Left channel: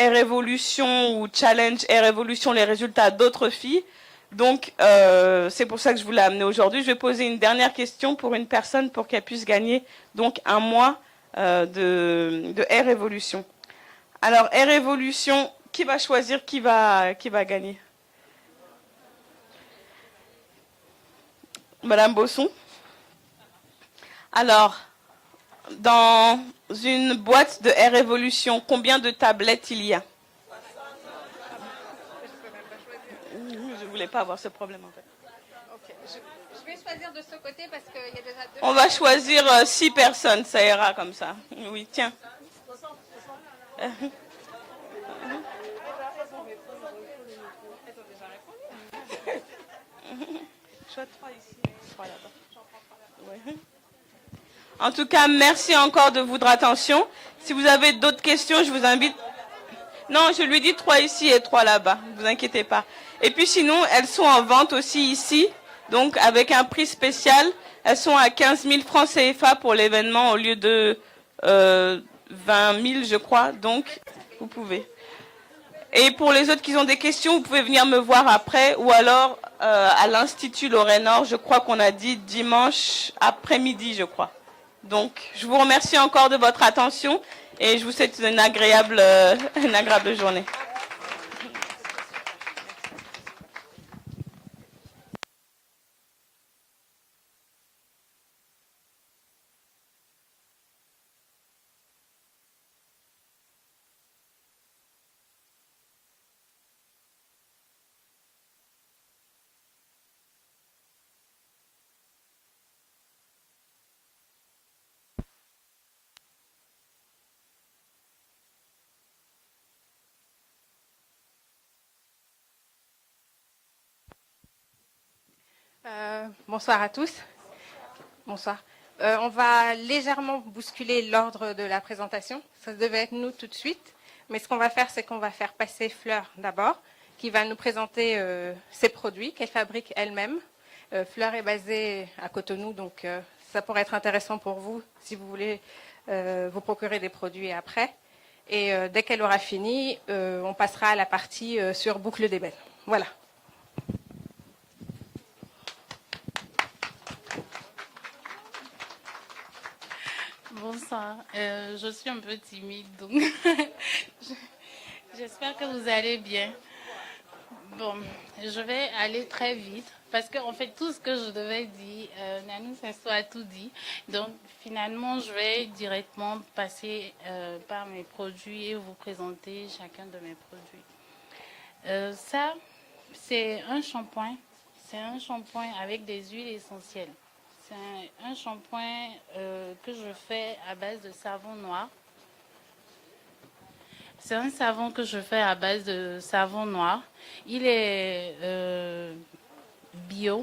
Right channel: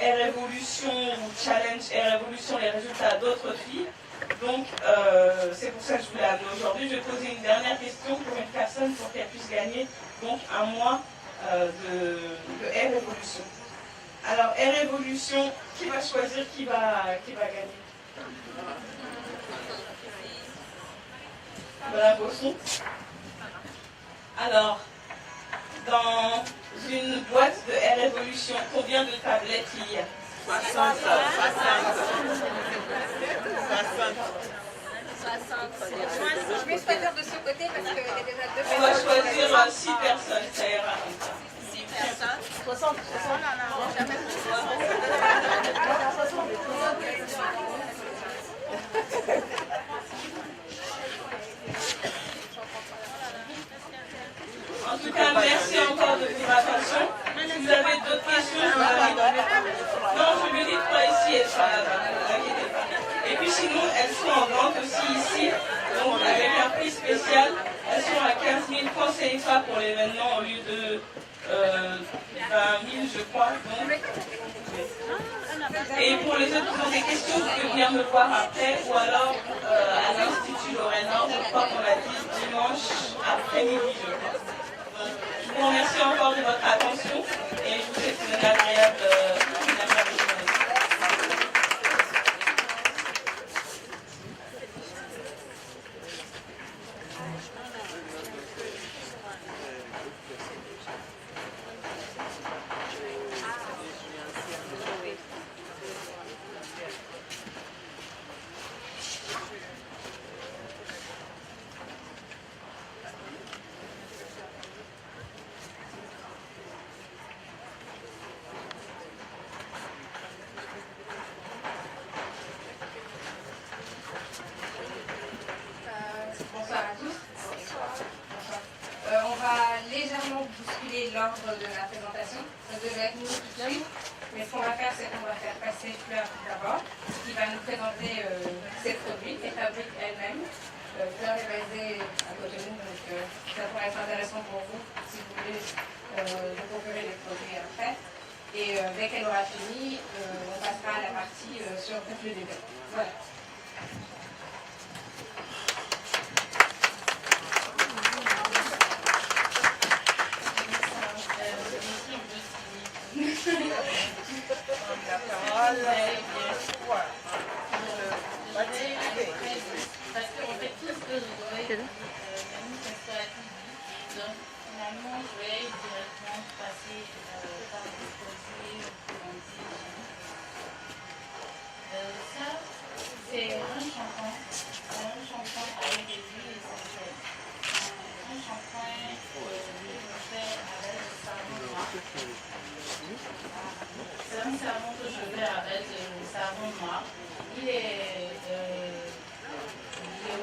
Air Evolution ou Challenge Air Evolution les résultats d'autres filles. Donc, c'est pour ça que je vous l'ai amené aujourd'hui. Je vais poser une dernière question pour une personne pour qu'elle puisse gagner donc un mois de Air Evolution. Alors, Air Evolution, qui va choisir qui va gagner? Madame Bosson. Alors, dans une boîte de Air Evolution, combien de tablettes il y a? 60. Vous ne voulez pas avoir ce problème. 60. Je vais choisir de ce côté parce que déjà deux. On va choisir 6 personnes, ça ira comme ça. Oui, tiens. 60. En tout cas, merci encore de votre attention. Si vous avez d'autres questions, je vous invite. Non, je lui dis 3 ici et 3 là-bas, ne vous inquiétez pas. Et puis sinon, elles sont en vente aussi ici, donc avec un prix spécial. Elles sont à 15 000 francs CFA pour l'événement au lieu de 20 000, je crois. Donc, vous pouvez. Et pour les autres qui ont des questions, vous pouvez venir me voir après ou alors à l'Institut Lorraine-Nord, je crois qu'on a dit dimanche après-midi, je crois. Donc, je vous remercie encore de votre attention et je vous souhaite une agréable journée. Bonsoir à tous. Bonsoir. On va légèrement bousculer l'ordre de la présentation. Ça devait être nous tout de suite. Mais ce qu'on va faire, c'est qu'on va faire passer Fleur d'abord, qui va nous présenter ses produits qu'elle fabrique elle-même. Fleur est basée à Cotonou, donc ça pourrait être intéressant pour vous si vous voulez vous procurer des produits après. Et dès qu'elle aura fini, on passera à la partie sur boucle d'ébène. Voilà. Je suis un peu timide, donc j'espère que vous allez bien. Bon, je vais aller très vite parce qu'en fait tout ce que je devais dire, Nanou François a tout dit. Donc finalement, je vais directement passer par mes produits et vous présenter chacun de mes produits. Ça, c'est un shampoing. C'est un shampoing avec des huiles essentielles. C'est un shampoing que je fais à base de savon noir. C'est un savon que je fais à base de savon noir. Il est bio.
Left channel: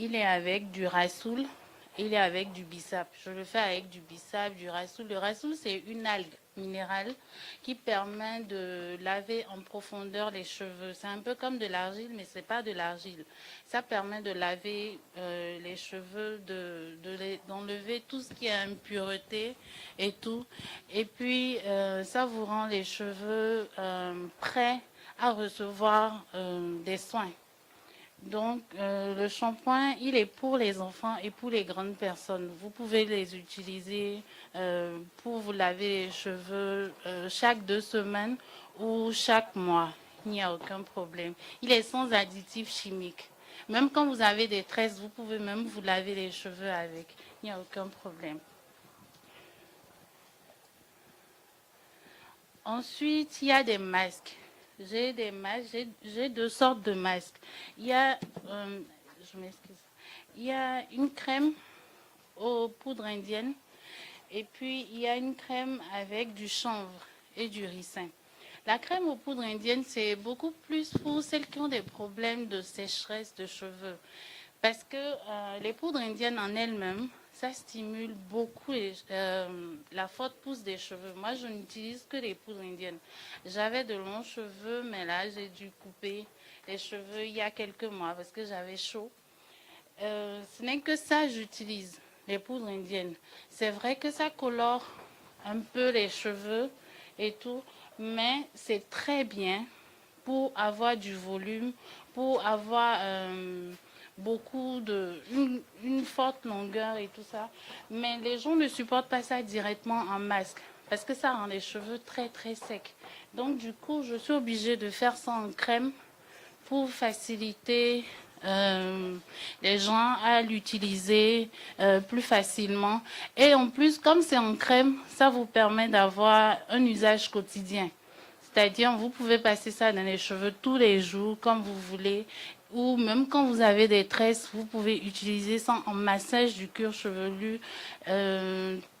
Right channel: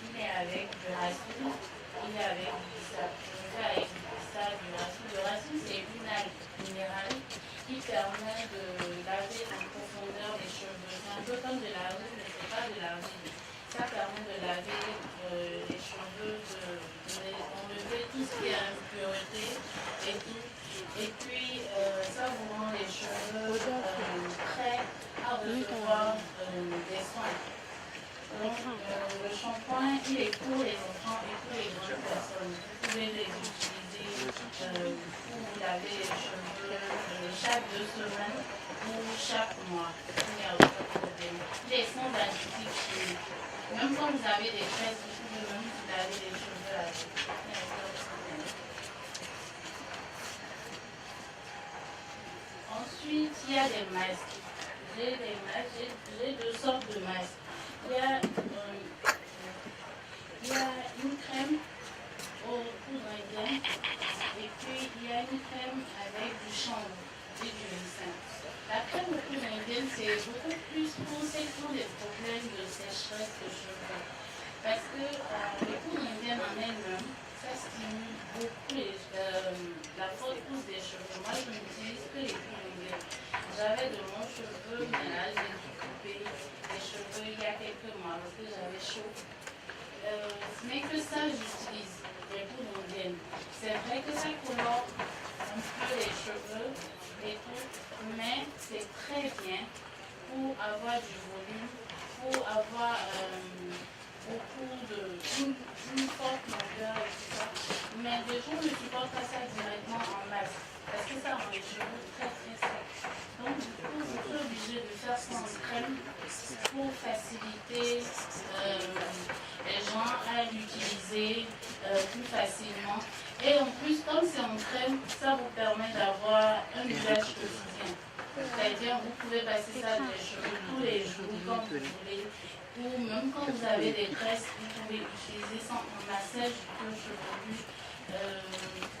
Il est avec du rassoul. Il est avec du bissap. Je le fais avec du bissap, du rassoul. Le rassoul, c'est une algue minérale qui permet de laver en profondeur les cheveux. C'est un peu comme de l'argile, mais ce n'est pas de l'argile. Ça permet de laver les cheveux, d'enlever tout ce qui est impureté et tout. Et puis, ça vous rend les cheveux prêts à recevoir des soins. Donc, le shampoing, il est pour les enfants et pour les grandes personnes. Vous pouvez les utiliser pour vous laver les cheveux chaque 2 semaines ou chaque mois. Il n'y a aucun problème. Il est sans additifs chimiques. Même quand vous avez des tresses, vous pouvez même vous laver les cheveux avec. Il n'y a aucun problème. Ensuite, il y a des masques. J'ai des masques, j'ai 2 sortes de masques. Il y a une crème aux poudres indiennes et puis il y a une crème avec du chanvre et du ricin. La crème aux poudres indiennes, c'est beaucoup plus pour ceux qui ont des problèmes de sécheresse de cheveux. Parce que les poudres indiennes en elles-mêmes, ça stimule beaucoup la forte pousse des cheveux. Moi, je n'utilise que les poudres indiennes. J'avais de longs cheveux, mais là, j'ai dû couper les cheveux il y a quelques mois parce que j'avais chaud. Ce n'est que ça j'utilise, les poudres indiennes. C'est vrai que ça colore un peu les cheveux, et tout, mais c'est très bien pour avoir du volume, pour avoir une forte longueur et tout ça. Mais les gens ne supportent pas ça directement en masque parce que ça rend les cheveux très très secs. Donc du coup, je suis obligée de faire ça en crème pour faciliter les gens à l'utiliser plus facilement. Et en plus, comme c'est en crème, ça vous permet d'avoir un usage quotidien. C'est-à-dire, vous pouvez passer ça dans les cheveux tous les jours, comme vous voulez. Ou même quand vous avez des tresses, vous pouvez utiliser ça en massage du cuir chevelu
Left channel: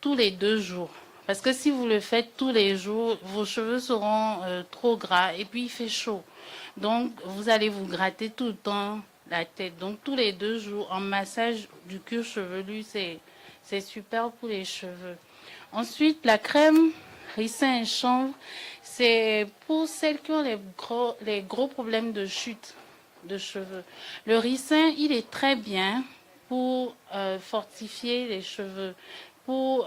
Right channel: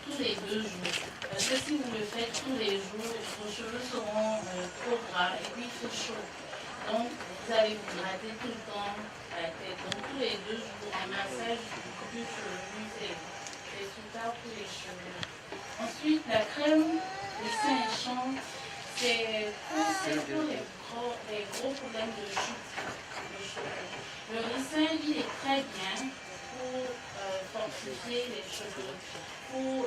tous les 2 jours. Parce que si vous le faites tous les jours, vos cheveux seront trop gras et puis il fait chaud. Donc, vous allez vous gratter tout le temps la tête. Donc, tous les 2 jours, en massage du cuir chevelu, c'est super pour les cheveux. Ensuite, la crème ricin et chanvre, c'est pour celles qui ont les gros problèmes de chute de cheveux. Le ricin, il est très bien pour fortifier les cheveux, pour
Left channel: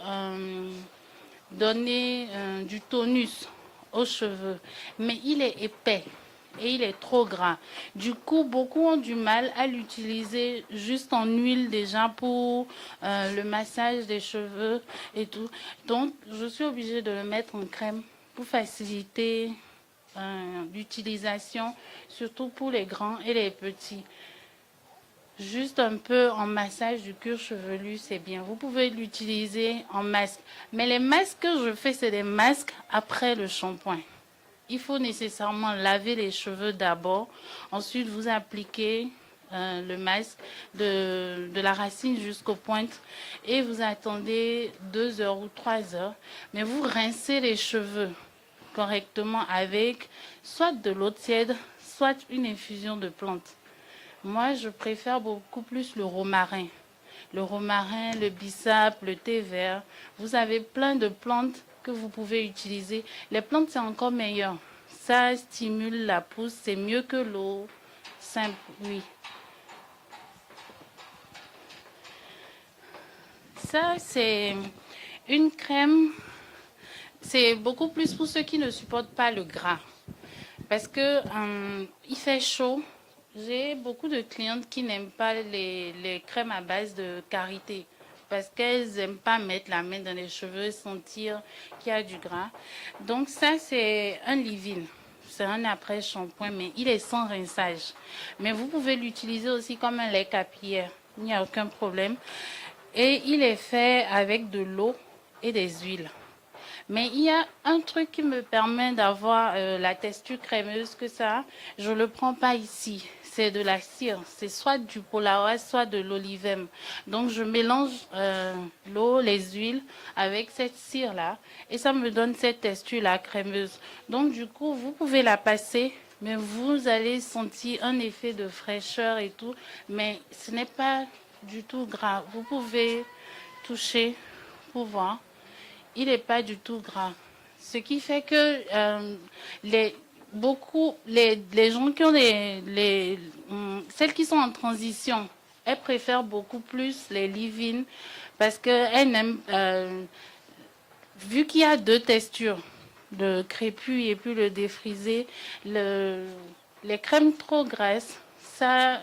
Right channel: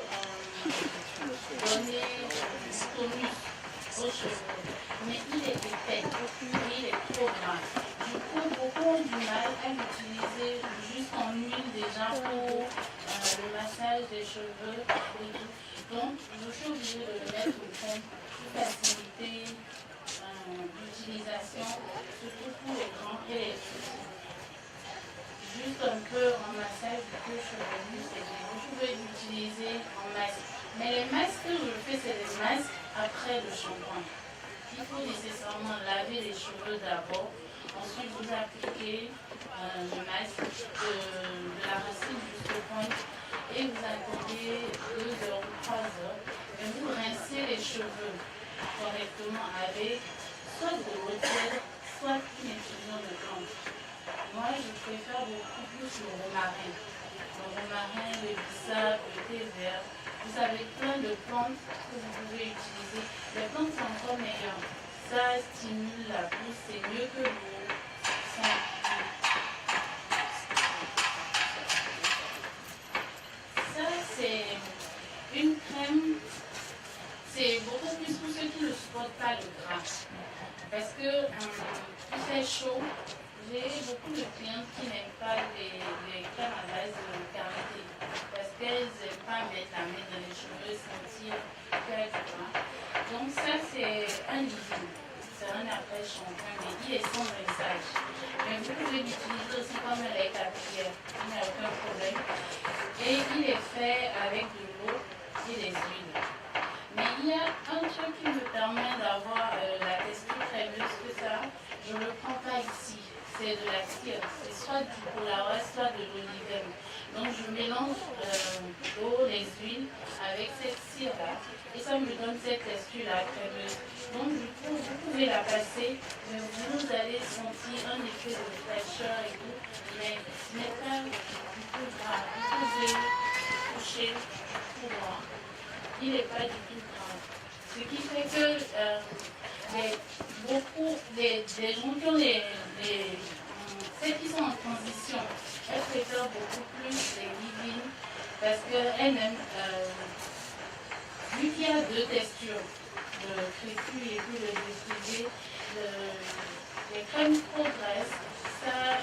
donner du tonus aux cheveux. Mais il est épais et il est trop gras. Du coup, beaucoup ont du mal à l'utiliser juste en huile déjà pour le massage des cheveux et tout. Donc, je suis obligée de le mettre en crème pour faciliter l'utilisation, surtout pour les grands et les petits. Juste un peu en massage du cuir chevelu, c'est bien. Vous pouvez l'utiliser en masque. Mais les masques que je fais, c'est des masques après le shampoing. Il faut nécessairement laver les cheveux d'abord. Ensuite, vous appliquez le masque de la racine jusqu'aux pointes. Et vous attendez 2 heures ou 3 heures. Mais vous rincez les cheveux correctement avec soit de l'eau tiède, soit une infusion de plantes. Moi, je préfère beaucoup plus le romarin. Le romarin, le bissap, le thé vert. Vous avez plein de plantes que vous pouvez utiliser. Les plantes, c'est encore meilleur. Ça stimule la pousse, c'est mieux que l'eau simple. Ça, c'est une crème. C'est beaucoup plus pour ceux qui ne supportent pas le gras. Parce que il fait chaud. J'ai beaucoup de clientes qui n'aiment pas les crèmes à base de karité parce qu'elles n'aiment pas mettre la main dans les cheveux, sentir qu'il y a du gras. Donc ça, c'est un leave-in. C'est un après-shampoing, mais il est sans rinçage. Mais vous pouvez l'utiliser aussi comme un lait capillaire. Il n'y a aucun problème. Et il est fait avec de l'eau et des huiles. Mais il y a un truc qui me permet d'avoir la texture crémeuse que ça, je ne le prends pas ici. C'est de la cire, c'est soit du polaroid, soit de l'olivem. Donc je mélange l'eau, les huiles avec cette cire-là et ça me donne cette texture-là crémeuse. Donc du coup, vous pouvez la passer, mais vous allez sentir un effet de fraîcheur et tout, mais ce n'est pas du tout gras. Vous pouvez toucher pour voir. Il n'est pas du tout gras. Ce qui fait que les gens qui ont celles qui sont en transition, elles préfèrent beaucoup plus les leave-in parce qu'elles n'aiment, vu qu'il y a 2 textures, le crépus et puis le défrisé, les crèmes trop grasses, ça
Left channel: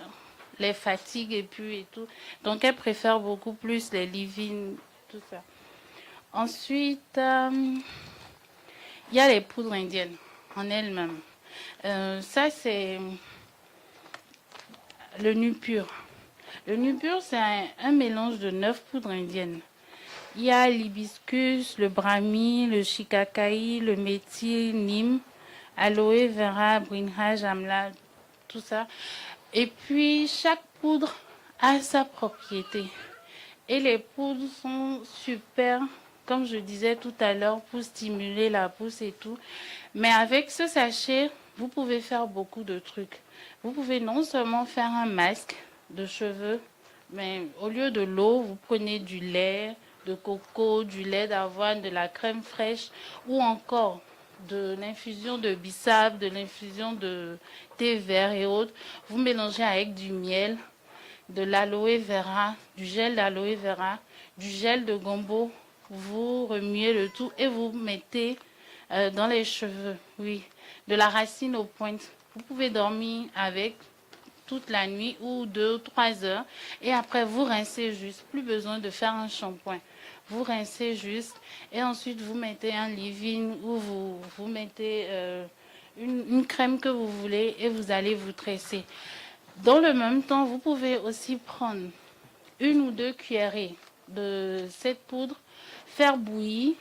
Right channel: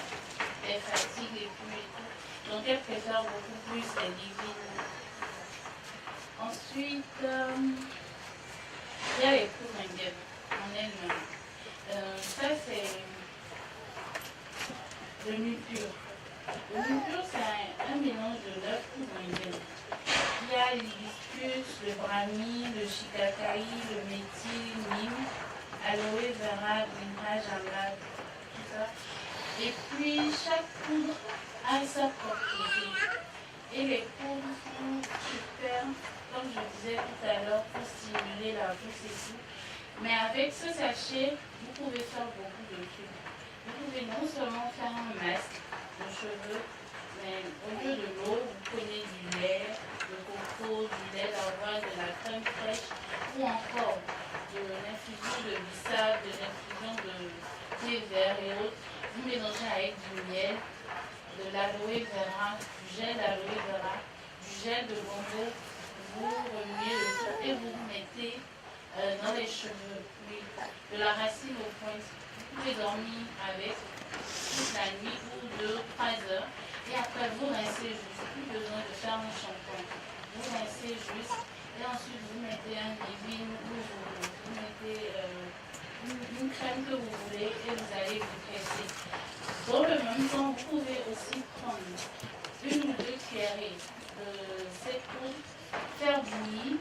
les fatigue et tout. Donc elles préfèrent beaucoup plus les leave-in. Ensuite, il y a les poudres indiennes en elles-mêmes. Ça, c'est le Nupur. Le Nupur, c'est un mélange de 9 poudres indiennes. Il y a l'hibiscus, le brahmi, le shikakai, le méthil, nîmes, aloe vera, brinjal, amla, tout ça. Et puis, chaque poudre a sa propriété. Et les poudres sont super, comme je disais tout à l'heure, pour stimuler la pousse et tout. Mais avec ce sachet, vous pouvez faire beaucoup de trucs. Vous pouvez non seulement faire un masque de cheveux, mais au lieu de l'eau, vous prenez du lait de coco, du lait d'avoine, de la crème fraîche ou encore de l'infusion de bissap, de l'infusion de thé vert et autres. Vous mélangez avec du miel, de l'aloe vera, du gel d'aloe vera, du gel de gombo. Vous remuez le tout et vous mettez dans les cheveux, oui, de la racine aux pointes. Vous pouvez dormir avec toute la nuit ou 2 ou 3 heures et après vous rincez juste, plus besoin de faire un shampoing. Vous rincez juste et ensuite vous mettez un leave-in ou vous mettez une crème que vous voulez et vous allez vous tresser. Dans le même temps, vous pouvez aussi prendre 1 ou 2 cuillerées de cette poudre, faire bouillir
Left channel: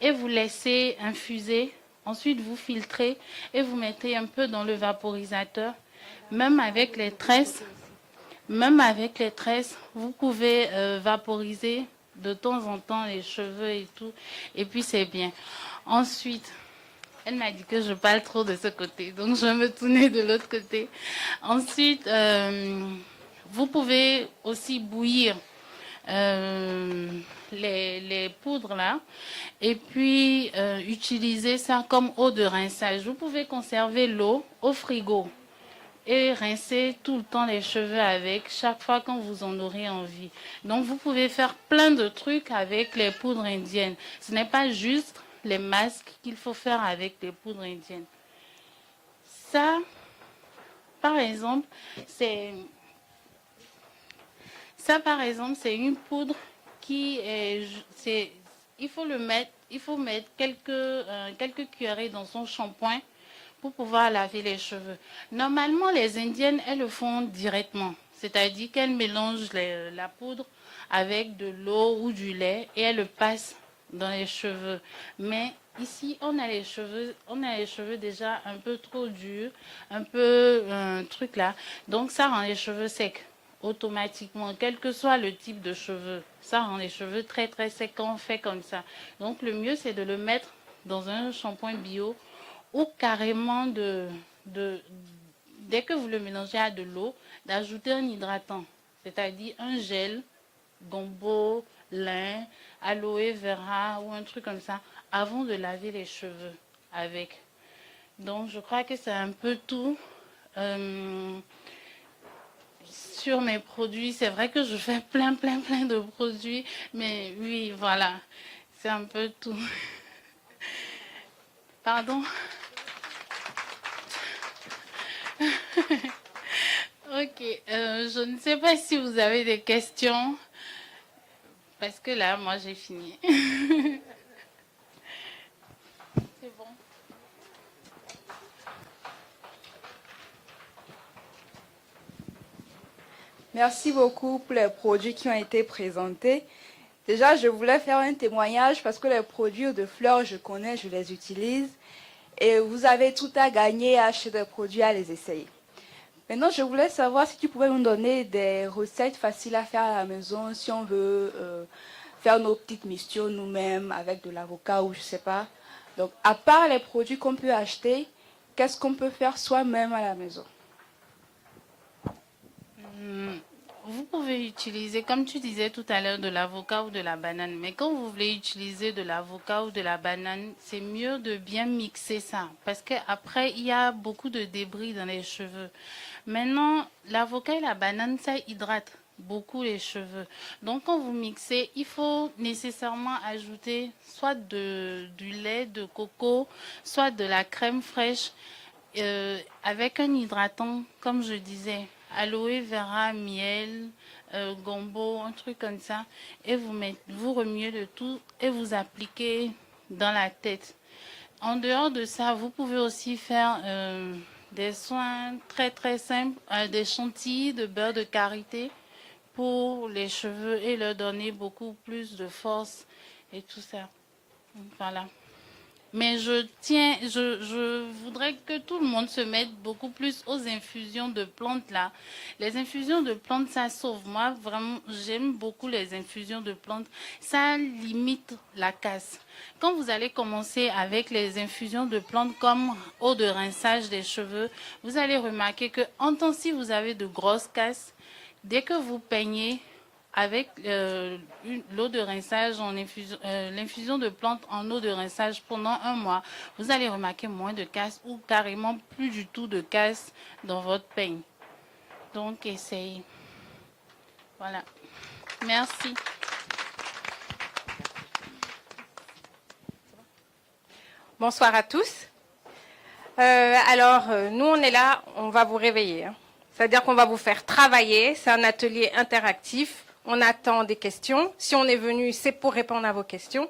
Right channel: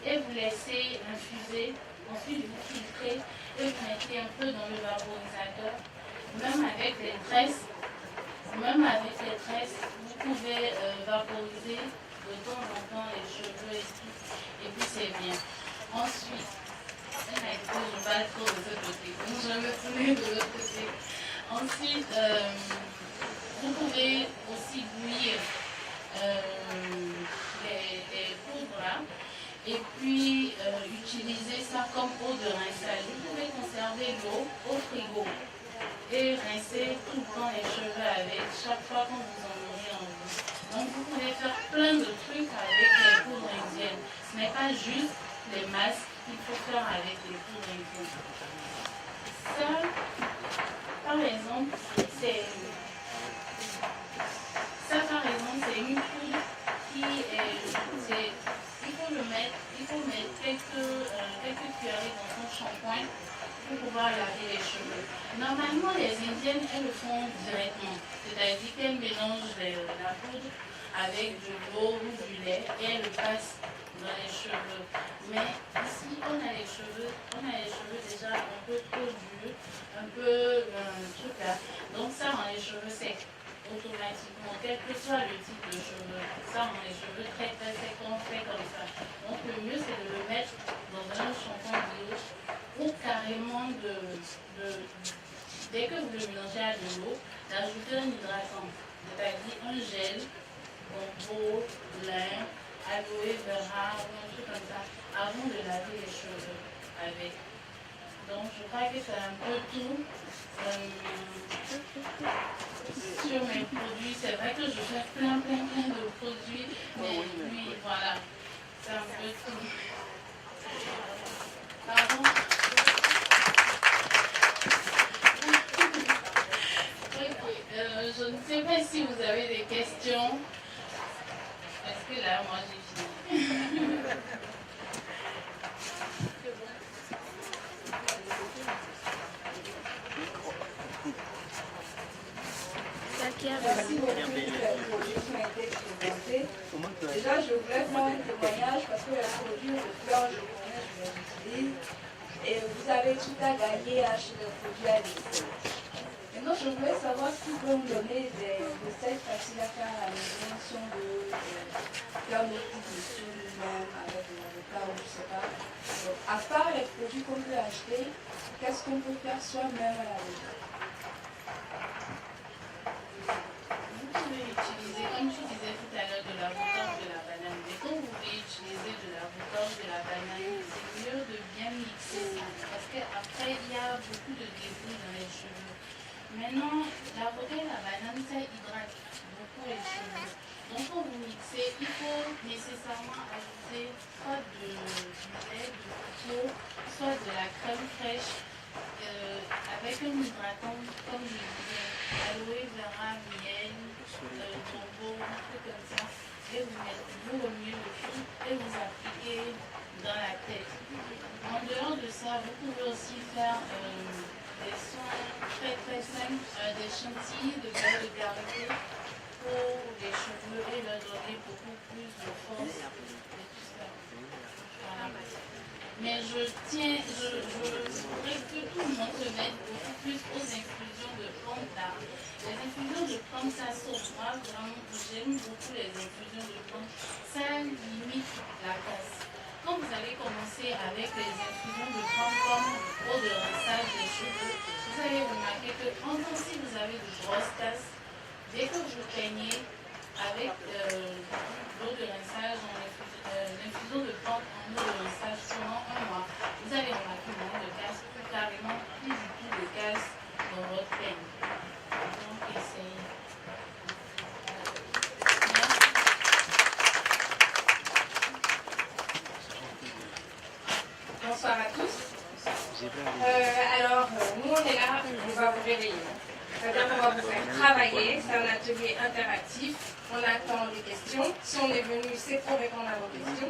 et vous laissez infuser. Ensuite, vous filtrez et vous mettez un peu dans le vaporisateur. Même avec les tresses, vous pouvez vaporiser de temps en temps les cheveux et tout. Et puis, c'est bien. Ensuite, elle m'a dit que je parle trop de ce côté, donc je vais me tourner de l'autre côté. Ensuite, vous pouvez aussi bouillir les poudres là et puis utiliser ça comme eau de rinçage. Vous pouvez conserver l'eau au frigo et rincer tout le temps les cheveux avec, chaque fois quand vous en aurez envie. Donc vous pouvez faire plein de trucs avec les poudres indiennes. Ce n'est pas juste les masques qu'il faut faire avec les poudres indiennes. Ça, par exemple, c'est une poudre qui est... il faut mettre quelques cuillerées dans son shampoing pour pouvoir laver les cheveux. Normalement, les Indiennes, elles le font directement. C'est-à-dire qu'elles mélangent la poudre avec de l'eau ou du lait et elles le passent dans les cheveux. Mais ici, on a les cheveux déjà un peu trop durs, un peu truc là. Donc ça rend les cheveux secs automatiquement, quel que soit le type de cheveux. Ça rend les cheveux très très secs quand on fait comme ça. Donc le mieux, c'est de le mettre dans un shampoing bio ou carrément dès que vous le mélangez à de l'eau, d'ajouter un hydratant, c'est-à-dire un gel, gombo, lin, aloe vera ou un truc comme ça, avant de laver les cheveux avec. Donc je crois que c'est un peu tout sur mes produits. C'est vrai que je fais plein de produits, mais oui, voilà, c'est un peu tout. Pardon. Ok, je ne sais pas si vous avez des questions, parce que là, moi, j'ai fini. Merci beaucoup pour les produits qui ont été présentés. Déjà, je voulais faire un témoignage parce que les produits de fleurs, je connais, je les utilise. Et vous avez tout à gagner à acheter des produits, à les essayer. Maintenant, je voulais savoir si tu pouvais nous donner des recettes faciles à faire à la maison si on veut faire nos petites missions nous-mêmes avec de l'avocat ou je ne sais pas. Donc, à part les produits qu'on peut acheter, qu'est-ce qu'on peut faire soi-même à la maison? Vous pouvez utiliser, comme tu disais tout à l'heure, de l'avocat ou de la banane. Mais quand vous voulez utiliser de l'avocat ou de la banane, c'est mieux de bien mixer ça. Parce qu'après, il y a beaucoup de débris dans les cheveux. Maintenant, l'avocat et la banane, ça hydrate beaucoup les cheveux. Donc, quand vous mixez, il faut nécessairement ajouter soit du lait de coco, soit de la crème fraîche. Avec un hydratant, comme je disais, aloe vera, miel, gombo, un truc comme ça, et vous remuez le tout et vous appliquez dans la tête. En dehors de ça, vous pouvez aussi faire des soins très très simples, des chantilly de beurre de karité pour les cheveux et leur donner beaucoup plus de force et tout ça. Voilà. Mais je voudrais que tout le monde se mette beaucoup plus aux infusions de plantes là. Les infusions de plantes, ça sauve. Moi, vraiment, j'aime beaucoup les infusions de plantes. Ça limite la casse. Quand vous allez commencer avec les infusions de plantes comme eau de rinçage des cheveux, vous allez remarquer que en tant si vous avez de grosses casses, dès que vous peignez avec l'eau de rinçage, l'infusion de plantes en eau de rinçage pendant 1 mois, vous allez remarquer moins de casse ou carrément plus du tout de casse dans votre peigne. Donc, essayez. Voilà. Merci. Bonsoir à tous. Nous, on est là, on va vous réveiller. C'est-à-dire qu'on va vous faire travailler. C'est un atelier interactif. On attend des questions. Si on est venu, c'est pour répondre à vos questions.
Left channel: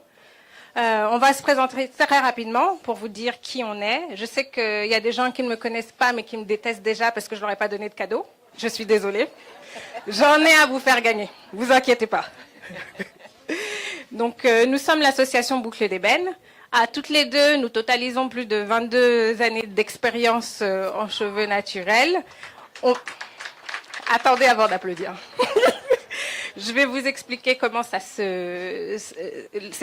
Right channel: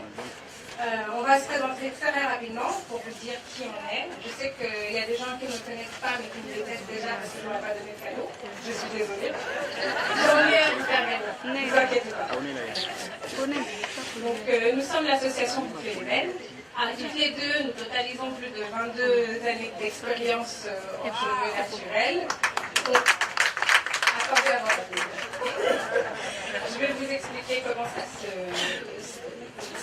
On va se présenter très rapidement pour vous dire qui on est. Je sais qu'il y a des gens qui ne me connaissent pas, mais qui me détestent déjà parce que je ne leur ai pas donné de cadeau. Je suis désolée. J'en ai à vous faire gagner. Ne vous inquiétez pas. Donc, nous sommes l'association Boucles d'Ébène. À toutes les deux, nous totalisons plus de 22 années d'expérience en cheveux naturels. Attendez avant d'applaudir. Je vais vous expliquer comment ces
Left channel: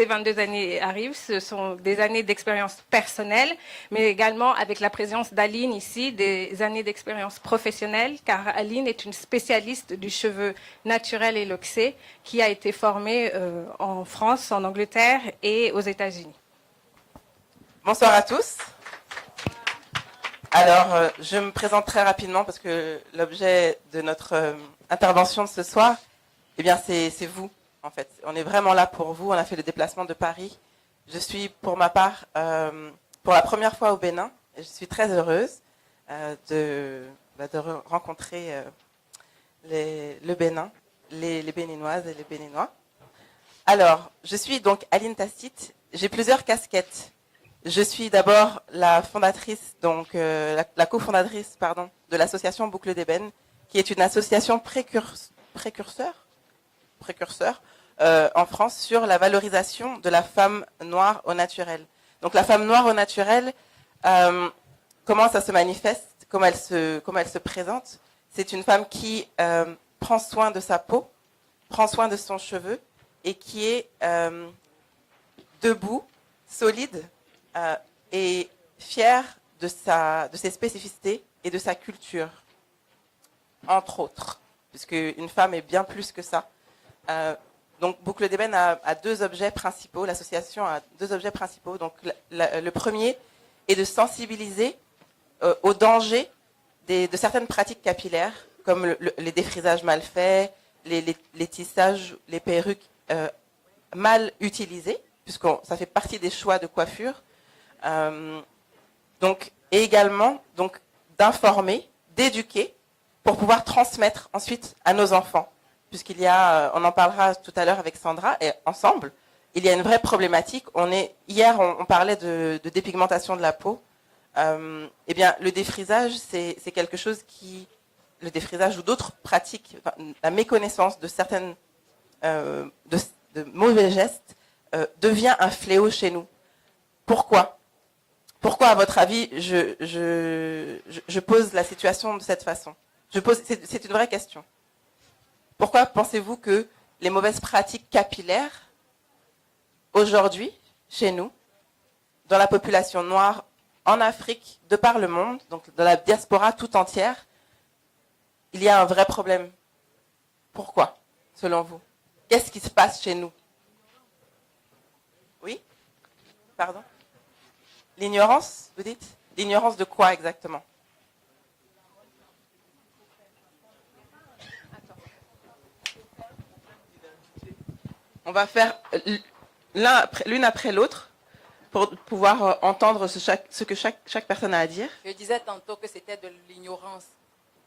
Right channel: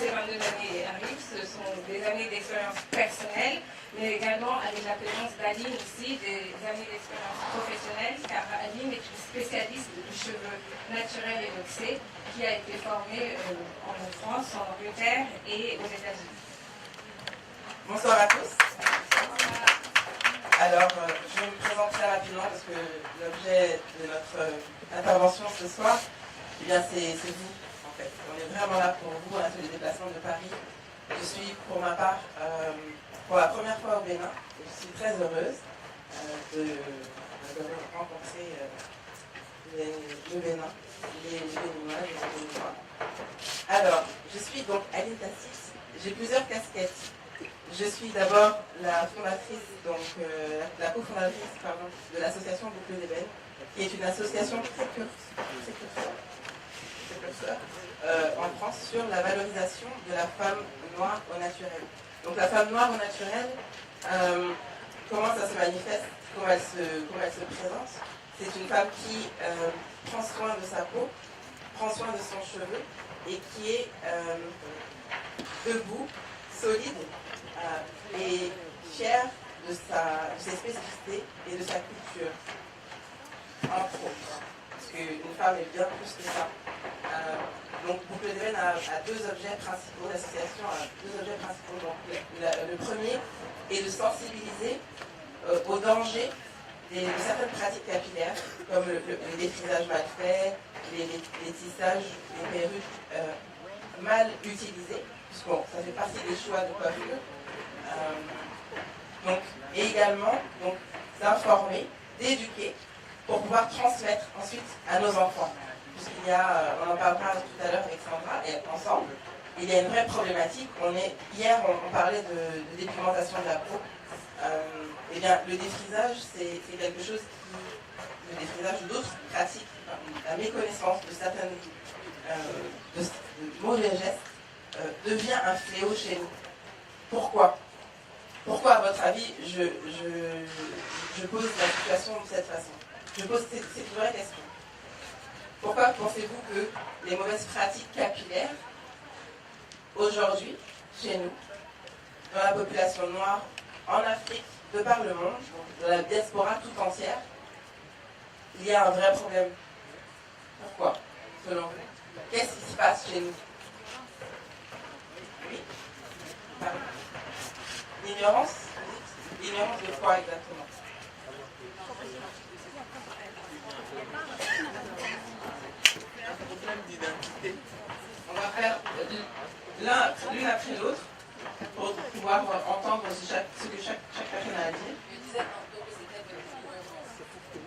22 années arrivent. Ce sont des années d'expérience personnelle, mais également avec la présence d'Aline ici, des années d'expérience professionnelle, car Aline est une spécialiste du cheveu naturel et loxé qui a été formée en France, en Angleterre et aux États-Unis. Bonsoir à tous. Alors, je me présente très rapidement parce que l'objet de notre intervention de ce soir, eh bien, c'est vous, en fait. On est vraiment là pour vous. On a fait le déplacement de Paris. Je suis, pour ma part, pour la première fois au Bénin. Et je suis très heureuse de rencontrer le Bénin, les Béninoises et les Béninois. Alors, je suis donc Aline Tacite. J'ai plusieurs casquettes. Je suis d'abord la fondatrice, donc la cofondatrice, pardon, de l'association Boucles d'Ébène, qui est une association précurseur en France sur la valorisation de la femme noire au naturel. Donc la femme noire au naturel, comment ça se manifeste, comment elle se présente. C'est une femme qui prend soin de sa peau, prend soin de son cheveu et qui est debout, solide et fière de ses spécificités et de sa culture, entre autres. Parce qu'une femme est bien plus que ça. Donc Boucles d'Ébène a deux objets principaux, l'association a deux objets principaux. Donc le premier est de sensibiliser au danger de certaines pratiques capillaires, comme les défrisages mal faits, les tissages, les perruques mal utilisées, puisque ça fait partie des choix de coiffure. Et également d'informer, d'éduquer, pour pouvoir transmettre ensuite à nos enfants. Puisqu'il y a, on en parlera tout à l'heure avec Sandra, et ensemble, il y a une vraie problématique. Hier, on parlait de dépigmentation de la peau. Eh bien, le défrisage, c'est quelque chose le défrisage ou d'autres pratiques, la méconnaissance de certaines de mauvais gestes devient un fléau chez nous. Pourquoi ? Pourquoi, à votre avis, je pose la situation de cette façon ? C'est une vraie question. Pourquoi pensez-vous que les mauvaises pratiques capillaires, aujourd'hui, chez nous, dans la population noire, en Afrique, de par le monde, donc dans la diaspora tout entière, il y a un vrai problème? Pourquoi, selon vous? Qu'est-ce qui se passe chez nous? Oui? Pardon? L'ignorance, vous dites? L'ignorance de quoi exactement? On va faire l'une après l'autre pour pouvoir entendre ce que chaque personne a à dire. Je disais tantôt que c'était de l'ignorance,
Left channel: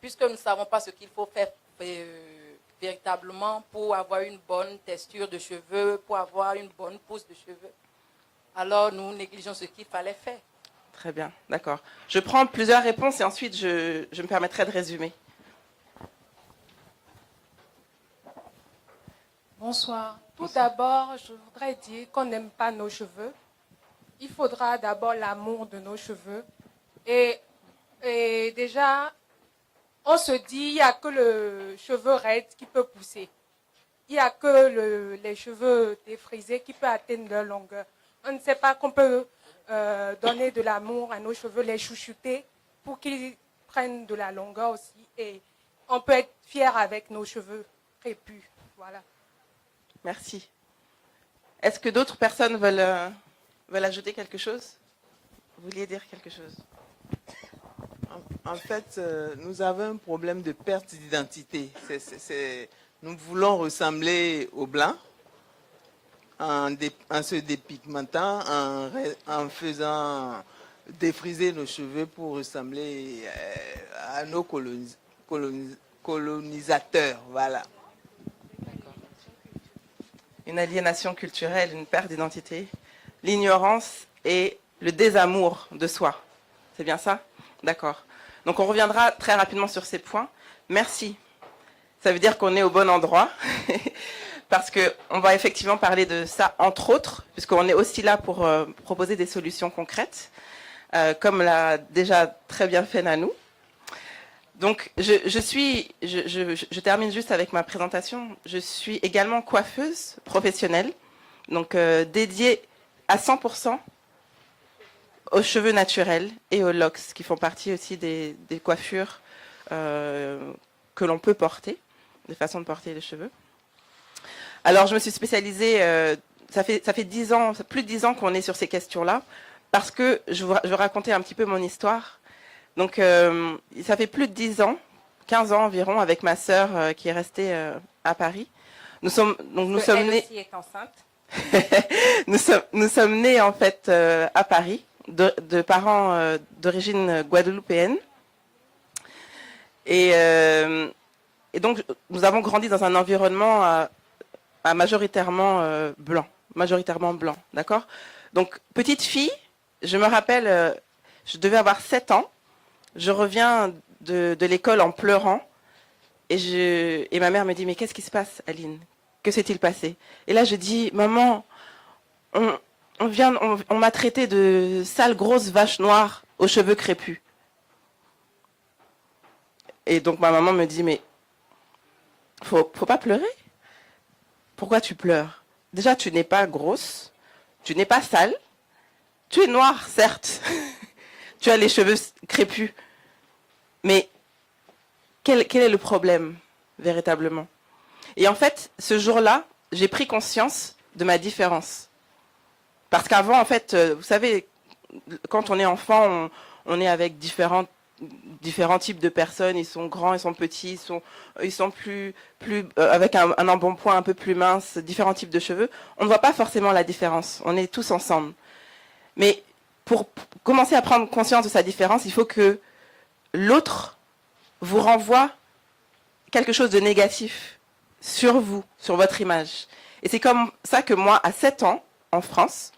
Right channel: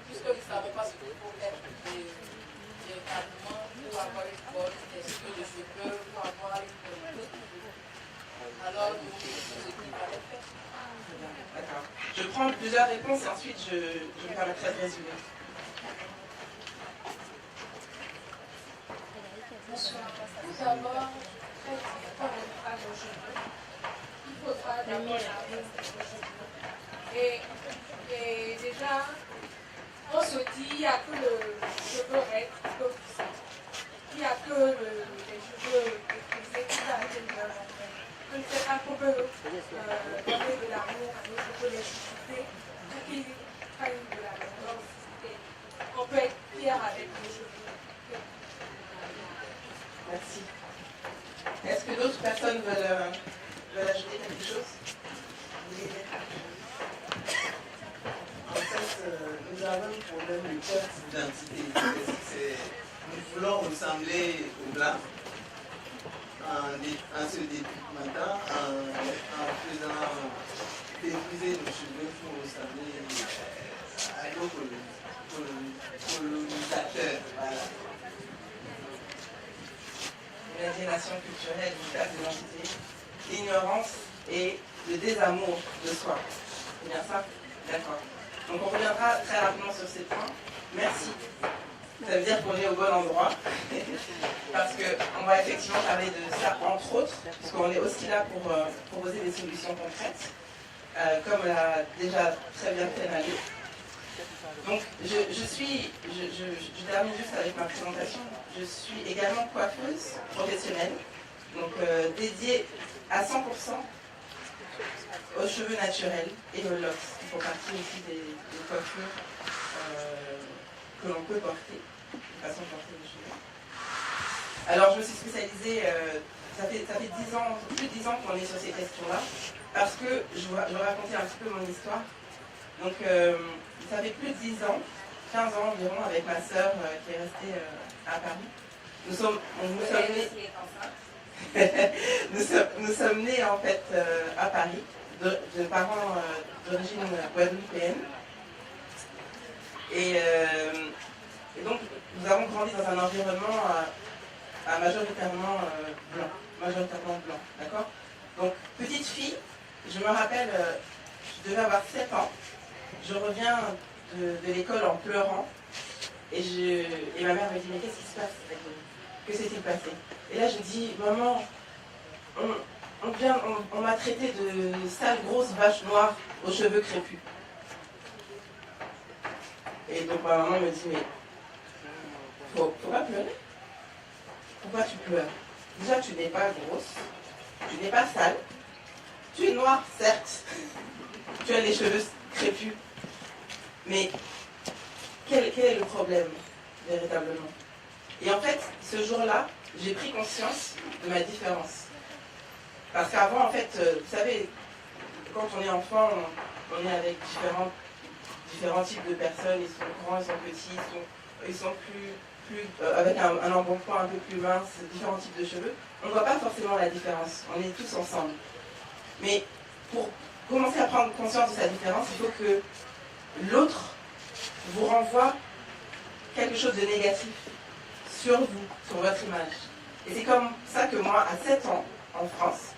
puisque nous ne savons pas ce qu'il faut faire véritablement pour avoir une bonne texture de cheveux, pour avoir une bonne pousse de cheveux. Alors nous négligeons ce qu'il fallait faire. Très bien, d'accord. Je prends plusieurs réponses et ensuite je me permettrai de résumer. Bonsoir. Tout d'abord, je voudrais dire qu'on n'aime pas nos cheveux. Il faudra d'abord l'amour de nos cheveux. Et déjà, on se dit qu'il n'y a que le cheveu raide qui peut pousser. Il n'y a que les cheveux frisés qui peuvent atteindre leur longueur. On ne sait pas qu'on peut donner de l'amour à nos cheveux, les chouchouter pour qu'ils prennent de la longueur aussi. Et on peut être fier avec nos cheveux. Et puis, voilà. Merci. Est-ce que d'autres personnes veulent ajouter quelque chose? Vous vouliez dire quelque chose? En fait, nous avons un problème de perte d'identité. Nous voulons ressembler aux Blancs. en se dépigmentant, en faisant défriser nos cheveux pour ressembler à nos colonisateurs. Voilà. Une aliénation culturelle, une perte d'identité, l'ignorance et le désamour de soi. C'est bien ça? D'accord. Donc on reviendra très rapidement sur ces points. Merci. Ça veut dire qu'on est au bon endroit, parce qu'on va effectivement parler de ça, entre autres, puisqu'on est aussi là pour proposer des solutions concrètes, comme l'a déjà très bien fait Nanou. Donc je termine juste avec ma présentation. Je suis également coiffeuse professionnelle, donc dédiée à 100% aux cheveux naturels et aux locks, qui font partie aussi des coiffures que l'on peut porter, des façons de porter les cheveux. Alors je me suis spécialisée, ça fait 10 ans, plus de 10 ans qu'on est sur ces questions-là, parce que je vais raconter un petit peu mon histoire. Donc ça fait plus de 10 ans, 15 ans environ, avec ma sœur qui est restée à Paris. Nous sommes nés... nous sommes nés en fait à Paris, de parents d'origine guadeloupéenne. Et donc nous avons grandi dans un environnement majoritairement blanc, d'accord? Donc petite fille, je me rappelle, je devais avoir 7 ans, je reviens de l'école en pleurant, et ma mère me dit: mais qu'est-ce qui se passe, Aline? Que s'est-il passé? Et là je dis: maman, on m'a traité de sale grosse vache noire aux cheveux crépus. Et donc ma maman me dit: mais faut pas pleurer. Pourquoi tu pleures? Déjà, tu n'es pas grosse, tu n'es pas sale, tu es noire, certes, tu as les cheveux crépus, mais quel est le problème véritablement? Et en fait, ce jour-là, j'ai pris conscience de ma différence. Parce qu'avant, en fait, vous savez, quand on est enfant, on est avec différents types de personnes. Ils sont grands, ils sont petits, ils sont plus avec un embonpoint un peu plus mince, différents types de cheveux. On ne voit pas forcément la différence. On est tous ensemble. Mais pour commencer à prendre conscience de sa différence, il faut que l'autre vous renvoie quelque chose de négatif sur vous, sur votre image. Et c'est comme ça que moi, à 7 ans, en France,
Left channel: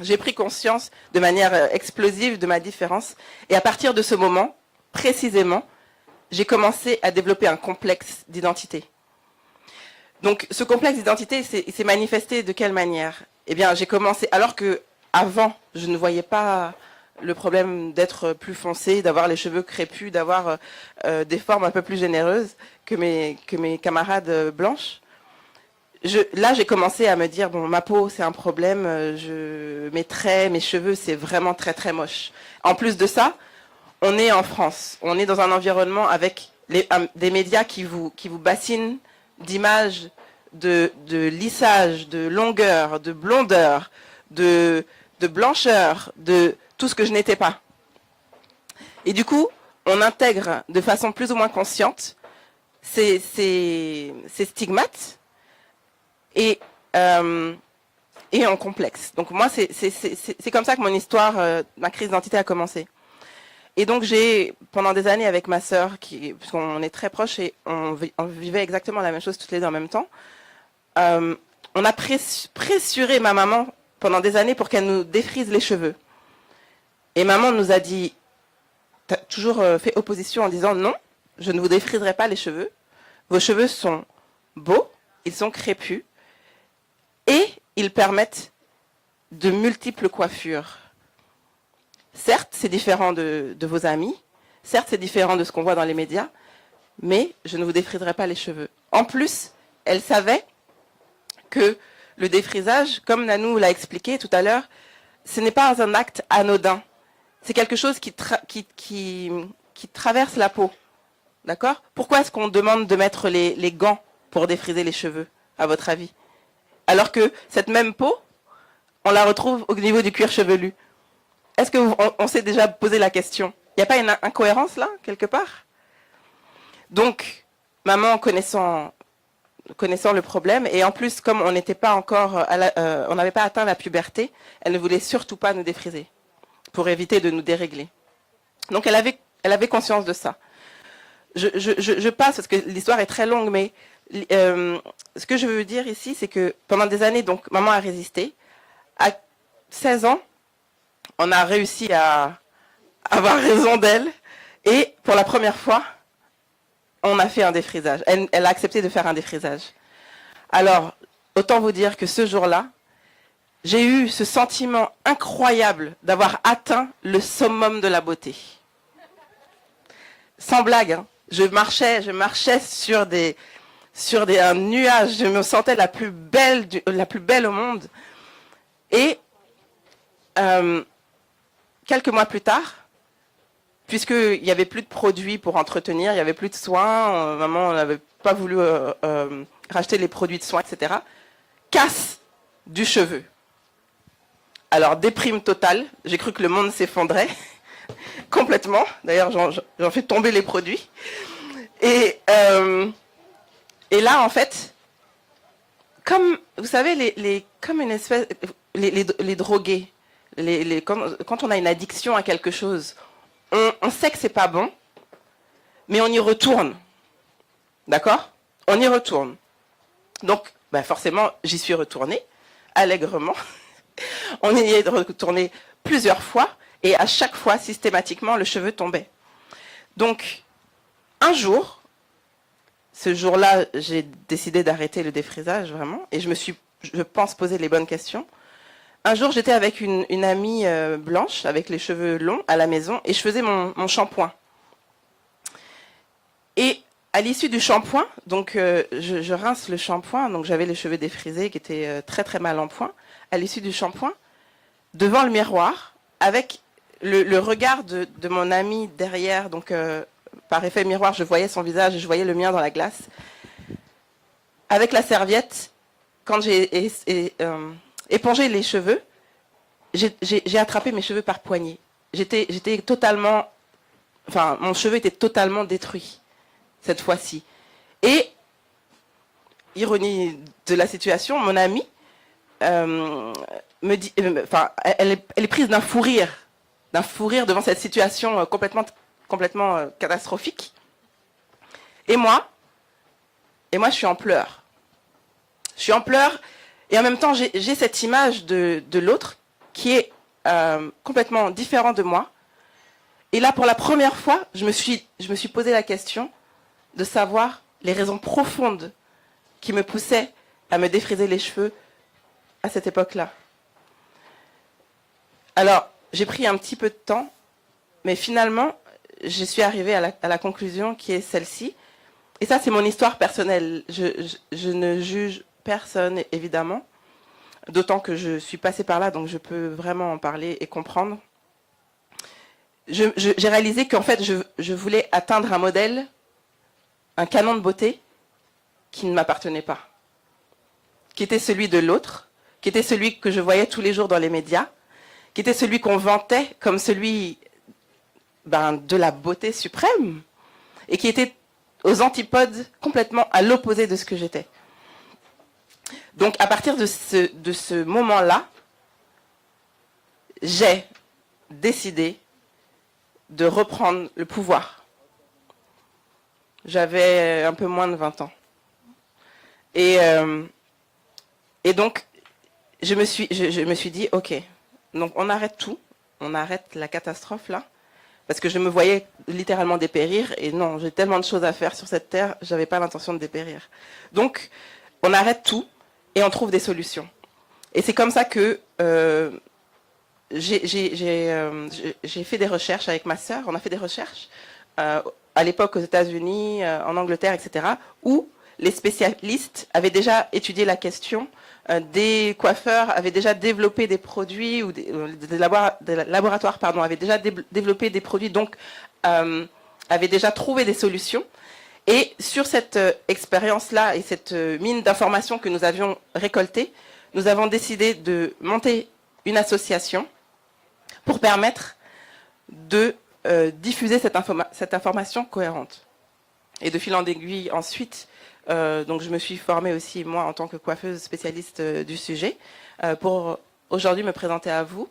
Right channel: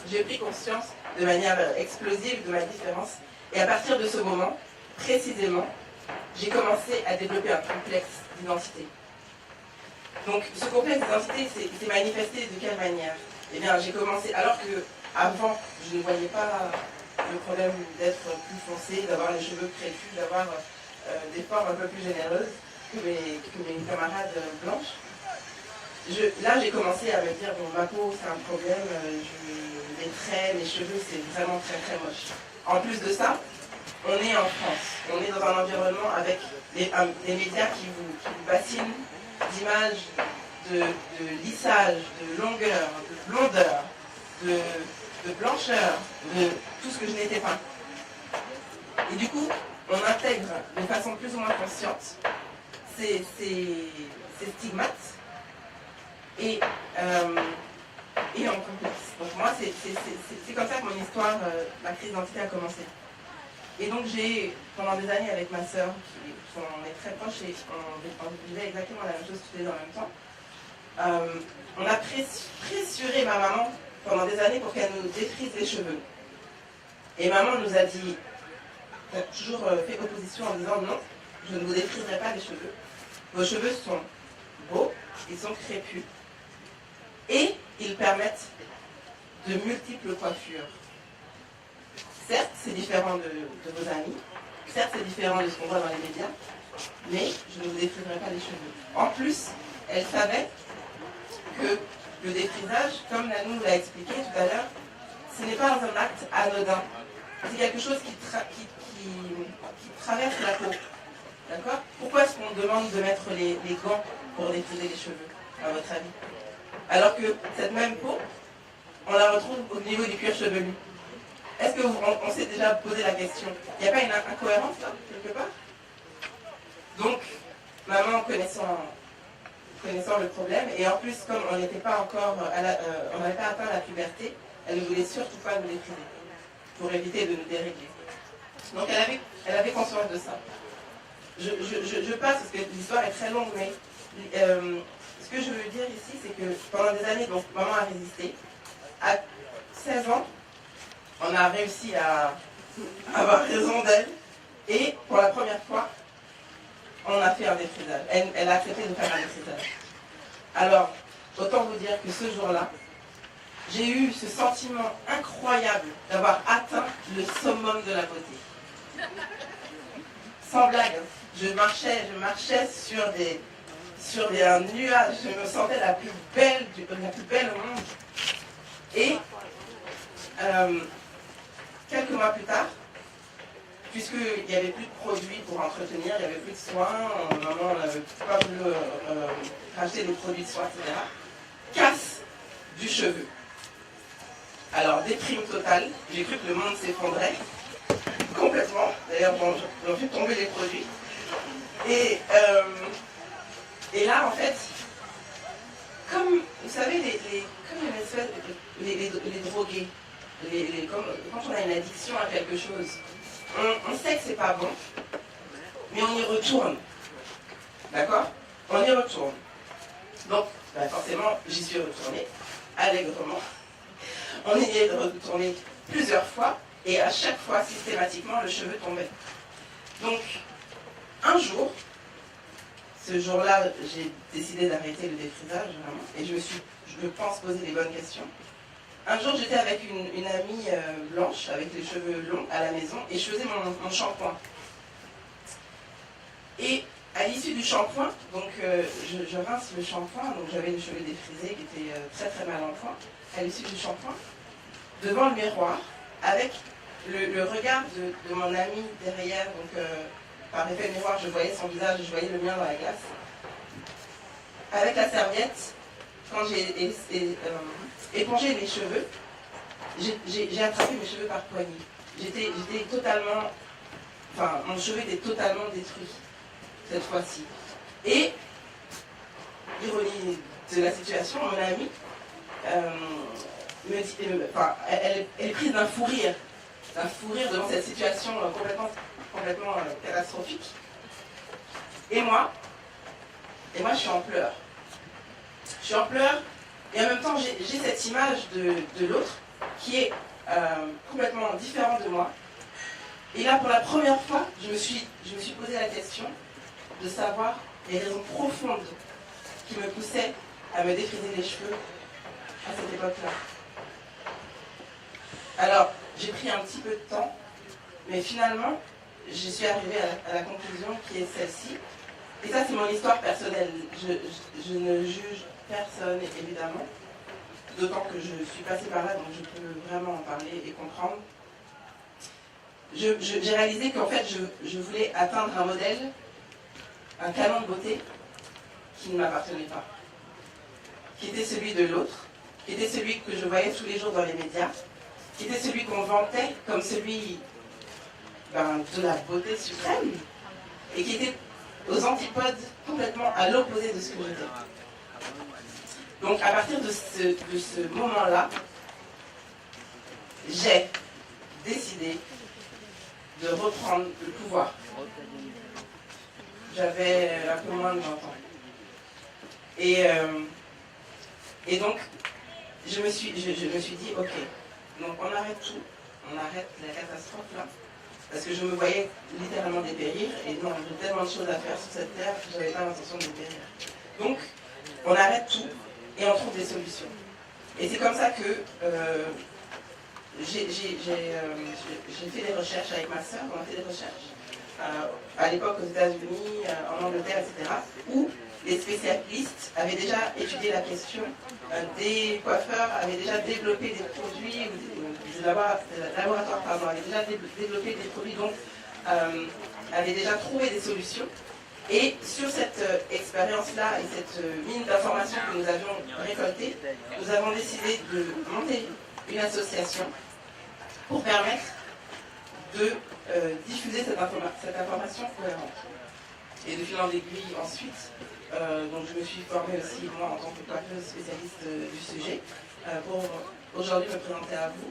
j'ai pris conscience de manière explosive de ma différence. Et à partir de ce moment, précisément, j'ai commencé à développer un complexe d'identité. Donc ce complexe d'identité, il s'est manifesté de quelle manière? Eh bien, j'ai commencé, alors que avant, je ne voyais pas le problème d'être plus foncé, d'avoir les cheveux crépus, d'avoir des formes un peu plus généreuses que mes camarades blanches. Là, j'ai commencé à me dire: bon, ma peau, c'est un problème, mes traits, mes cheveux, c'est vraiment très très moche. En plus de ça, on est en France, on est dans un environnement avec des médias qui vous bassinent d'images, de lissage, de longueur, de blondeur, de blancheur, de tout ce que je n'étais pas. Et du coup, on intègre de façon plus ou moins consciente ces stigmates et en complexe. Donc moi, c'est comme ça que mon histoire, ma crise d'identité a commencé. Et donc j'ai, pendant des années avec ma sœur, puisqu'on est très proches et on vivait exactement la même chose toutes les deux en même temps, on a pressuré ma maman pendant des années pour qu'elle nous défrise les cheveux. Et maman nous a dit, t'as toujours fait opposition en disant: non, je ne vous défriserai pas les cheveux. Vos cheveux sont beaux, ils sont crépus et ils permettent de multiples coiffures. Certes, c'est différent de vos amis, certes, c'est différent de ce qu'on voit dans les médias, mais je ne vous défriserai pas les cheveux. En plus, elle savait que le défrisage, comme Nanou l'a expliqué tout à l'heure, ce n'est pas un acte anodin. C'est quelque chose qui traverse la peau. D'accord? Pourquoi est-ce qu'on demande de mettre les gants pour défriser les cheveux, à votre avis? Alors que cette même peau, on la retrouve au niveau du cuir chevelu. Est-ce qu'on s'est déjà posé la question? Il n'y a pas une incohérence là, quelque part? Donc, maman, connaissant connaissant le problème. Et en plus, comme on n'était pas encore, on n'avait pas atteint la puberté, elle ne voulait surtout pas nous défriser pour éviter de nous dérégler. Donc elle avait conscience de ça. Je passe parce que l'histoire est très longue, mais ce que je veux dire ici, c'est que pendant des années, donc maman a résisté. À 16 ans, on a réussi à avoir raison d'elle. Et pour la première fois, on a fait un défrisage. Elle a accepté de faire un défrisage. Alors, autant vous dire que ce jour-là, j'ai eu ce sentiment incroyable d'avoir atteint le summum de la beauté. Sans blague, hein. Je marchais sur un nuage. Je me sentais la plus belle au monde. Et quelques mois plus tard, puisqu'il n'y avait plus de produits pour entretenir, il n'y avait plus de soins, maman n'avait pas voulu racheter les produits de soins, etc. Casse du cheveu. Alors, déprime totale, j'ai cru que le monde s'effondrait complètement. D'ailleurs, j'en fais tomber les produits. Et là, en fait, comme, vous savez, comme une espèce, les drogués, quand on a une addiction à quelque chose, on sait que c'est pas bon, mais on y retourne. D'accord? On y retourne. Donc, forcément, j'y suis retournée, allègrement. On y est retourné plusieurs fois, et à chaque fois, systématiquement, le cheveu tombait. Donc, un jour, ce jour-là, j'ai décidé d'arrêter le défrisage, vraiment, et je me suis, je pense, posé les bonnes questions. Un jour, j'étais avec une amie blanche, avec les cheveux longs, à la maison, et je faisais mon shampoing. Et à l'issue du shampoing, donc je rince le shampoing, donc j'avais les cheveux défrisés qui étaient très très mal en point. À l'issue du shampoing, devant le miroir, avec le regard de mon amie derrière, donc par effet miroir, je voyais son visage, je voyais le mien dans la glace. Avec la serviette, quand j'ai épongé les cheveux, j'ai attrapé mes cheveux par poignée. J'étais totalement, enfin, mon cheveu était totalement détruit cette fois-ci. Et ironie de la situation, mon amie me dit, enfin, elle est prise d'un fou rire devant cette situation complètement catastrophique. Et moi, je suis en pleurs. Je suis en pleurs. Et en même temps, j'ai cette image de l'autre qui est complètement différente de moi. Et là, pour la première fois, je me suis posé la question de savoir les raisons profondes qui me poussaient à me défriser les cheveux à cette époque-là. Alors, j'ai pris un petit peu de temps, mais finalement, je suis arrivée à la conclusion qui est celle-ci. Et ça, c'est mon histoire personnelle. Je ne juge personne, évidemment, d'autant que je suis passée par là, donc je peux vraiment en parler et comprendre. J'ai réalisé qu'en fait, je voulais atteindre un modèle, un canon de beauté qui ne m'appartenait pas, qui était celui de l'autre, qui était celui que je voyais tous les jours dans les médias, qui était celui qu'on vantait comme celui de la beauté suprême, et qui était aux antipodes, complètement à l'opposé de ce que j'étais. Donc à partir de ce moment-là, j'ai décidé de reprendre le pouvoir. J'avais un peu moins de 20 ans. Et donc, je me suis dit, ok, donc on arrête tout, on arrête la catastrophe là, parce que je me voyais littéralement dépérir, et non, j'ai tellement de choses à faire sur cette terre, je n'avais pas l'intention de dépérir. Donc, on arrête tout, et on trouve des solutions. Et c'est comme ça que j'ai fait des recherches avec ma sœur, on a fait des recherches, à l'époque aux États-Unis, en Angleterre, etc., où les spécialistes avaient déjà étudié la question, des coiffeurs avaient déjà développé des produits, ou des laboratoires avaient déjà développé des produits, donc avaient déjà trouvé des solutions. Et sur cette expérience-là et cette mine d'informations que nous avions récoltée, nous avons décidé de monter une association pour permettre de diffuser cette information cohérente. Et de fil en aiguille, ensuite, Donc je me suis formée aussi, moi, en tant que coiffeuse spécialiste du sujet, pour aujourd'hui me présenter à vous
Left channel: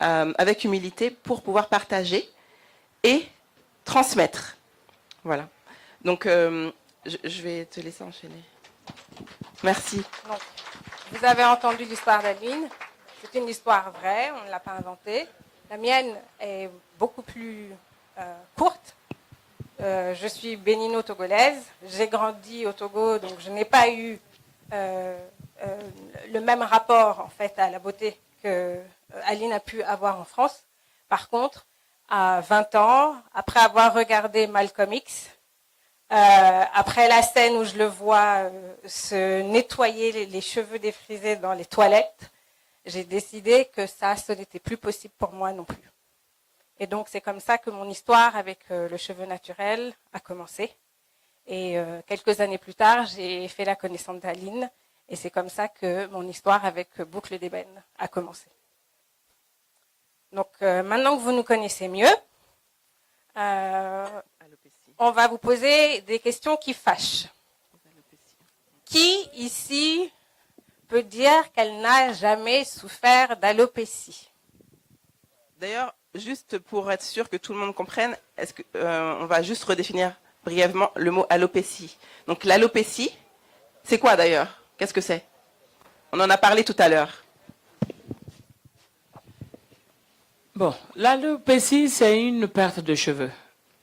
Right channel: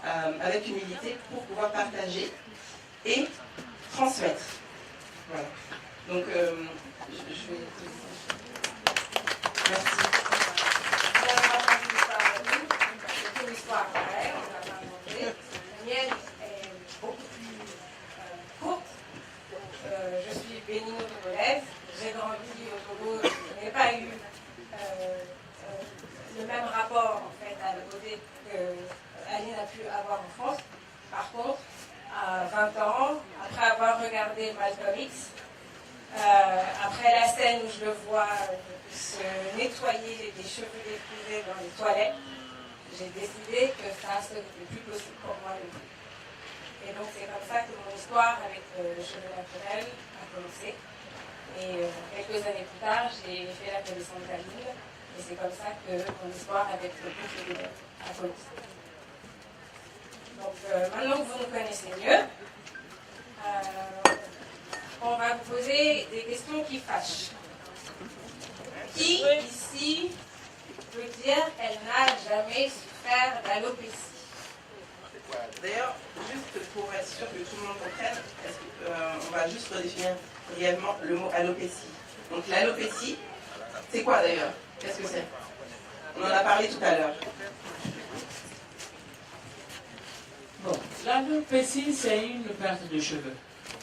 avec humilité pour pouvoir partager et transmettre. Voilà. Donc je vais te laisser enchaîner. Merci. Vous avez entendu l'histoire d'Aline. C'est une histoire vraie, on ne l'a pas inventée. La mienne est beaucoup plus courte. Je suis bénino-togolaise. J'ai grandi au Togo, donc je n'ai pas eu le même rapport en fait, à la beauté que Aline a pu avoir en France. Par contre, à 20 ans, après avoir regardé Malcolm X, après la scène où je le vois se nettoyer les cheveux défrisés dans les toilettes, j'ai décidé que ça, ce n'était plus possible pour moi non plus. Et donc c'est comme ça que mon histoire avec le cheveu naturel a commencé. Et quelques années plus tard, j'ai fait la connaissance d'Aline. Et c'est comme ça que mon histoire avec Boucle des Belles a commencé. Donc maintenant que vous nous connaissez mieux, on va vous poser des questions qui fâchent. Qui ici peut dire qu'elle n'a jamais souffert d'alopécie? D'ailleurs, juste pour être sûr que tout le monde comprenne, on va juste redéfinir brièvement le mot alopécie. Donc l'alopécie, c'est quoi d'ailleurs? Qu'est-ce que c'est? On en a parlé tout à l'heure. Bon, l'alopécie, c'est une perte de cheveux.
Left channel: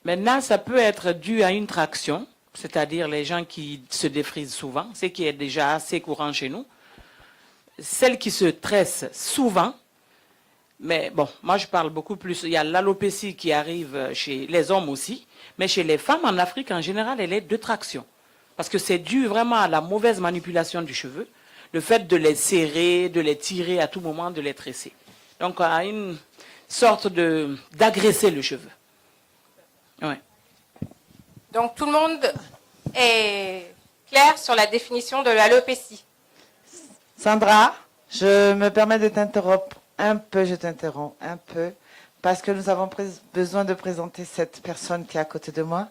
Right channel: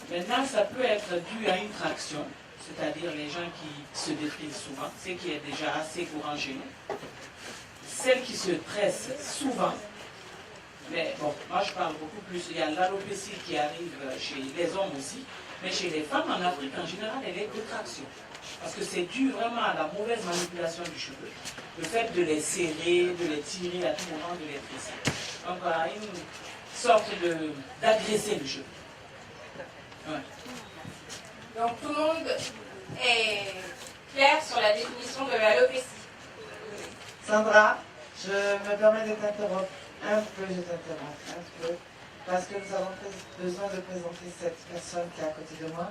Maintenant, ça peut être dû à une traction, c'est-à-dire les gens qui se défrisent souvent, ce qui est déjà assez courant chez nous. Celles qui se tressent souvent, mais bon, moi je parle beaucoup plus. Il y a l'alopécie qui arrive chez les hommes aussi, mais chez les femmes en Afrique en général, elle est de traction. Parce que c'est dû vraiment à la mauvaise manipulation du cheveu, le fait de les serrer, de les tirer à tout moment, de les tresser. Donc à une sorte d'agresser le cheveu. Ouais. Donc tout le monde est clair sur la définition de l'alopécie. Sandra, je me permets de t'interrompre un peu, parce que nous avons besoin de présenter cette personne qui est à côté de moi.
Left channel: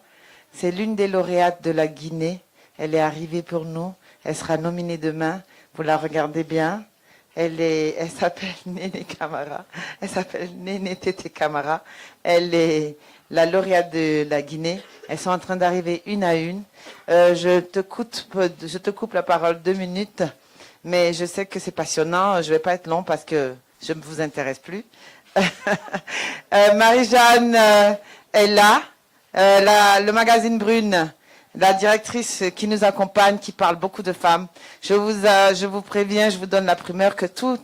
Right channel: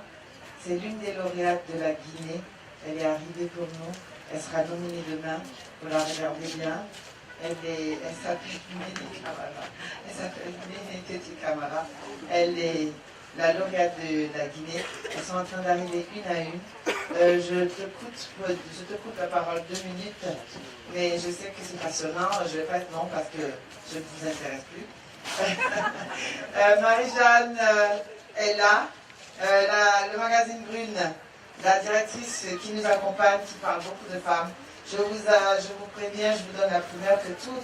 C'est l'une des lauréates de la Guinée. Elle est arrivée pour nous. Elle sera nominée demain. Vous la regardez bien. Elle s'appelle Néné Camara. Elle s'appelle Néné Tété Camara. Elle est la lauréate de la Guinée. Elles sont en train d'arriver une à une. Je te coupe la parole 2 minutes. Mais je sais que c'est passionnant. Je ne vais pas être long parce que je ne vous intéresse plus. Marie-Jeanne est là. Le magazine Brune, la directrice qui nous accompagne, qui parle beaucoup de femmes. Je vous préviens, je vous donne la primeur que toutes